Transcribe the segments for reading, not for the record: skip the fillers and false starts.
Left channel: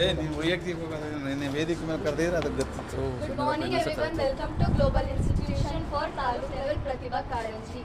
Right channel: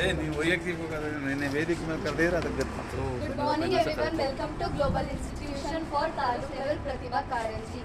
ನೀವು ವೈಯಕ್ತಿಕ ವೇದಿಕೆ ಮೇಲೆ ಕರೆದಿದ್ರೆ ಅದಕ್ಕೆ good morning everyone, welcome to global institution for taluk level Pratibha Karanji.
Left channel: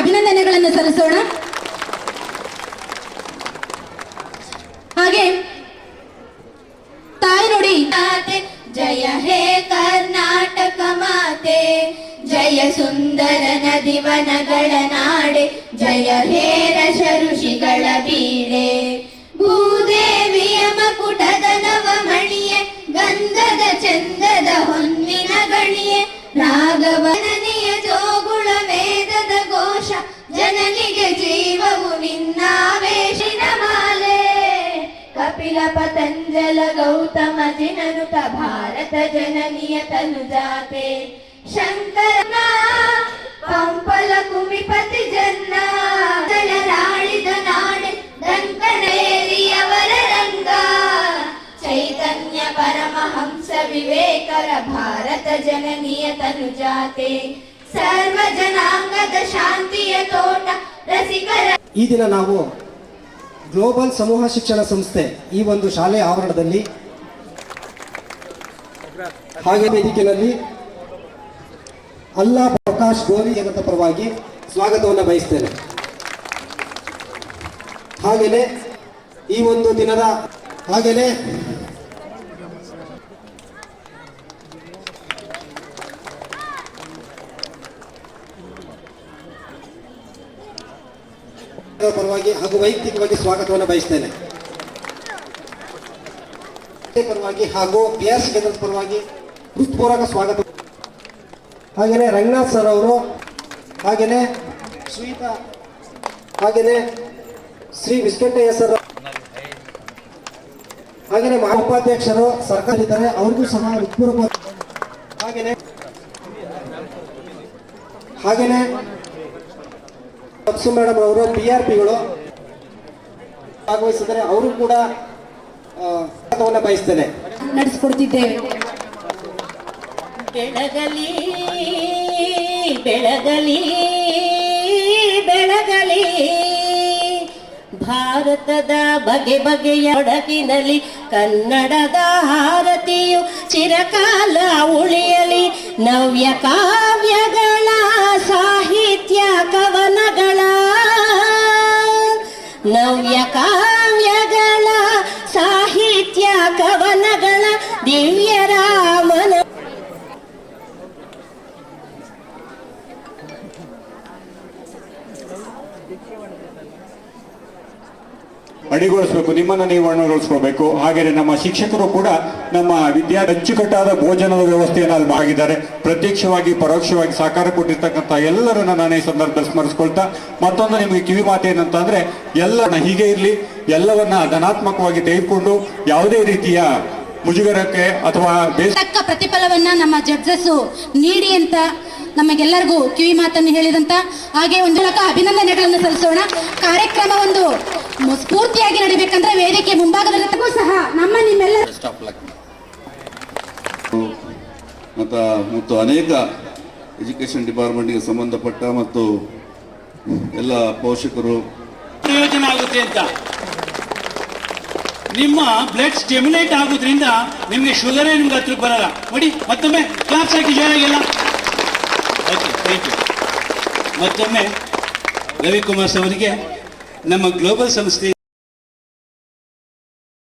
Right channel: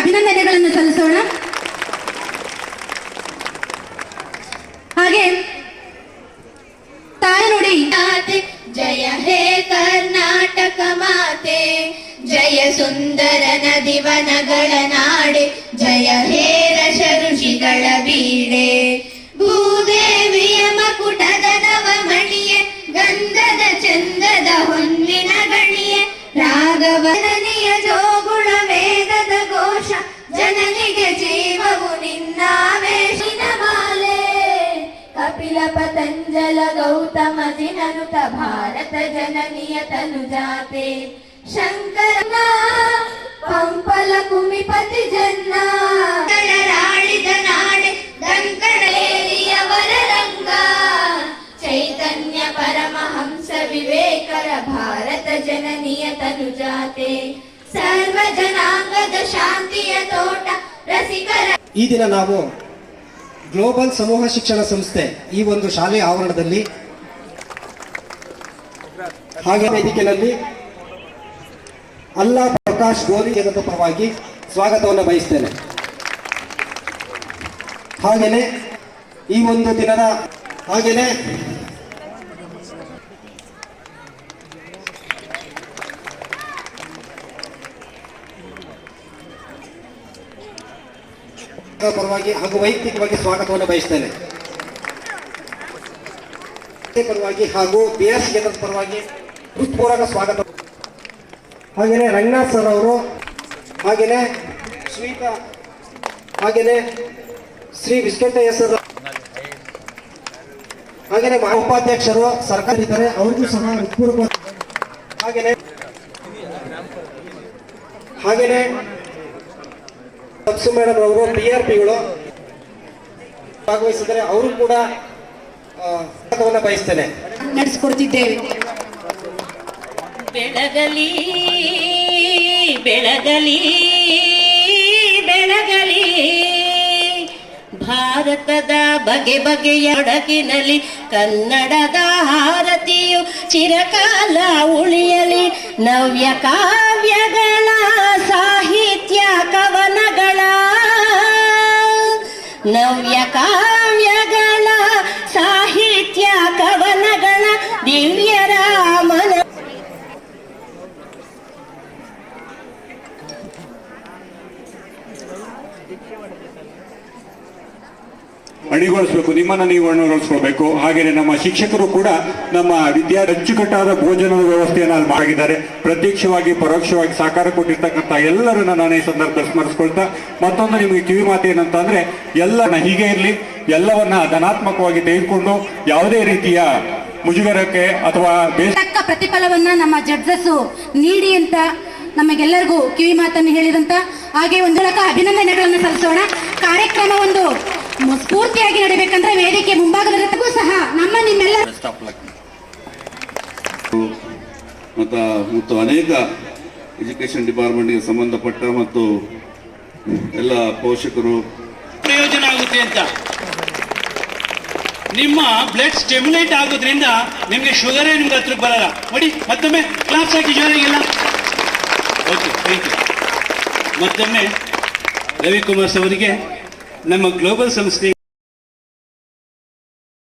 ಅಭಿನಂದನೆಗಳನ್ನು ಸಲ್ಲಿಸೋಣ. ಹಾಗೆ ತಾಯಿ ನುಡಿ ಜಯ ಹೇ ಕರ್ನಾಟಕ ಮಾತೆ, ಜಯ ಸುಂದರ ನದಿವನಗಳ ನಾಡೆ, ಜಯ ಹೇ ರಸ ಋಷಿಗಳ ಬೀಡೆ, ಭೂದೇವಿಯ ಮಕುಟದ ನವಮಣಿಯೇ, ಗಂಧದ ಚಂದದ ಹೊನ್ನಿನ ಗಣಿಯೇ, ರಾಘವನಿಯ ಜೋಗುಳ ವೇದದ ಘೋಷ, ಜನನಿಗೆ ಜೀವವು ನಿನ್ನಾವೇಶಿನ ಮಾಲೆ, ಕಪಿಲ ಪತಂಜಲ ಗೌತಮ ಜಿನನುತ ಭಾರತ ಜನನಿಯ ತನುಜಾತೆ, ಶಂಕರನ ಪಂಪಲ ಕುಮಿಪತಿ ಜನ್ನ, ಜಯರಾಳಿದ ನಾಡೆ ದಂಕಣೇರಿಯವರ ರಂಗ, ಚೈತನ್ಯ ಪರಮಹಂಸ ವಿವೇಕರ ಭಾರತ ಜನನಿಯ ತನುಜಾತೆ, ಸರ್ವ ಜನಾಂಗದ ಶಾಂತಿಯ ತೋಟ ರಸಿಕರ. ಈ ದಿನ ನಾವು ಗ್ಲೋಬಲ್ ಸಮೂಹ ಶಿಕ್ಷಣ ಸಂಸ್ಥೆ ಈ ಒಂದು ಶಾಲೆಯ ಆವರಣದಲ್ಲಿ ಹಾಗೆ ವೇದಿಕೆಯಲ್ಲಿ ಅಲ್ಲಾ ಪ್ರಕಾಶ್ ಗೋಲಿ ಜಗತ್ತ ಪರವಾಗಿ ಸ್ವಾಗತವನ್ನು ಬಯಸ್ತೇನೆ. ಹಾಗೆಯೇ ಈ ಒಂದು ದಿನದ ಹಾಗೆಯೇ ಪರವಾಗಿ ಹಾಗೂ ವೈಯಕ್ತಿಕವಾಗಿ ಸ್ವಾಗತವನ್ನು ಬಯಸ್ತೇನೆ. ಪರವಾಗಿ ಹಾಗೂ ಬಿಆರ್ಸಿ ಕೇಂದ್ರದ ಪರವಾಗಿ ಹೃತ್ಪೂರ್ವಕ ಸ್ವಾಗತ. ಹಾಗೆಯೇ ರಂಗನಾಥ್ ಸರ್ ಅವರು, ಹಾಗೆಯೇ ಶ್ರೀಪ, ಹಾಗೆಯೇ ಶ್ರೀ ವಿಶ್ವೇಶ್ವರಯ್ಯ ಸರ್, ಹಾಗೆಯೇ ಉಪಾಧ್ಯಕ್ಷರು ಸರ್ಕಾರ ಇದ್ದಾರೆ, ಅವ್ರಿಗೂ ಸಹ ಹೃತ್ಪೂರ್ವಕ. ಹಾಗೆಯೇ ಮೇಡಮ್ ಅವರು PRPಗಳು ಭಾಗವಹಿಸಿದರೆ ಅವರು ಕೂಡ ಬಯಸ್ತೇನೆ ನಡೆಸಿಕೊಡ್ತಿದ್ದೇವೆ. ಬೆಳಗಲಿ ಬೆಳಗಲಿ ಬೆಳಗಲಿ ಭಾರತದ ಬಗೆ ಬಗೆಯ ಒಡಗಿನಲ್ಲಿ ಕನ್ನಡದ ಹಾರತಿಯು ಚಿರಕಾಲ ಉಳಿಯಲಿ ನವ್ಯ ಕಾವ್ಯಗಳ ಸಾಹಿತ್ಯ ಕವನಗಳ ನವ್ಯ ಕಾವ್ಯಗಳ ಸಾಹಿತ್ಯ ಕವನಗಳ ದಿವ್ಯ ರಾಮನ ಅಣಿಗೊಳಿಸಬೇಕು, ನಿಮ್ಮನ್ನು ನೀವು ಅಣಿಗೊಳಿಸ್ಕೋಬೇಕು. ಹಾಗೆಯೇ ನಮ್ಮ ಶಿಕ್ಷಕರು ಕೂಡ ನಮ್ಮ ಅಚ್ಚುಕಟ್ಟಾದ ಭೋಜನದ ವ್ಯವಸ್ಥೆಯನ್ನು ಅಲ್ಲಿ ಮಾಡಿದ್ದಾರೆ. ಪ್ರತ್ಯಕ್ಷವಾಗಿ ಪರೋಕ್ಷವಾಗಿ ಸಹಕಾರ ಕೊಟ್ಟಿರ್ತಕ್ಕಂಥ ಎಲ್ಲರನ್ನ ನಾನು ಈ ಸಂದರ್ಭದಲ್ಲಿ ಸ್ಮರಿಸ್ಕೊಳ್ತಾ ಮತ್ತೊಂದು ನಿಮಗೆ ಕಿವಿ ಮಾತು ಏನಂತಂದ್ರೆ, ಎಲ್ಲರನ್ನ ಹೀಗೆ ಇರಲಿ, ಎಲ್ಲವನ್ನ ಧನಾತ್ಮಕವಾಗಿ ತೆಗೆದುಕೊಂಡು ಯಾವುದೇ ರೀತಿಯ ಮುಜುಗರಕ್ಕೆ ಅಥವಾ ತಕ್ಕ ಪ್ರತಿಫಲವನ್ನ ನಮ್ಮ ಜಡ್ಜಸ್ ನೀಡಿ ಅಂತ ನಮಗೆಲ್ಲರಿಗೂ ಕಿವಿ ಮಾತನ್ನು ಹೇಳಿದಂತ ಹಾಗೆ ಒಂದು ಲಕ ಅಭಿನಂದನೆಗಳನ್ನು ಸಲ್ಲಿಸೋಣ. ಕಾರ್ಯಕ್ರಮ ಒಂದು ಸ್ಫೂರ್ತಿಯಾಗಿ ನಡೀಬೇಕಂದ್ರೆ ವೇದಿಕೆ ಮುಂಭಾಗದವರೆಗೂ ಸಹ ನಿಮ್ಮೆಲ್ಲರ ಮತ್ತು ಅನೇಕ ಎಜುಕೇಶನ್ ಡಿಪಾರ್ಟ್ಮೆಂಟ್ಗೆ ಸಂಬಂಧಪಟ್ಟ ಮತ್ತು ಎಲ್ಲ ಪೋಷಕರು ಪ್ರಯೋಜನ ಆಗುತ್ತೆ ಅಂತ. ನಿಮ್ಮ ಬ್ಲಡ್ ಸ್ಟಿಮ್ಯುಲೇಟ್ ಆಗೋದ್ರಿಂದ ನಿಮಗೆ ಶುಗರೇ ನಿಮ್ಗೆ ಹತ್ರಕ್ಕೆ ಬರಲ್ಲ. ನೋಡಿ, ಮತ್ತೊಮ್ಮೆ ಕ್ಲಾಸ್ ಹಾಕಿ ಜೋರಾಗಿಲ್ಲ. Okay, thank you. ಮತ್ತೊಮ್ಮೆ ರವಿಕುಮಾರ್ ಅವರಿಗೆ ನಮ್ಮ ಗ್ಲೋಬಲ್ ಸಂಸ್ಥೆ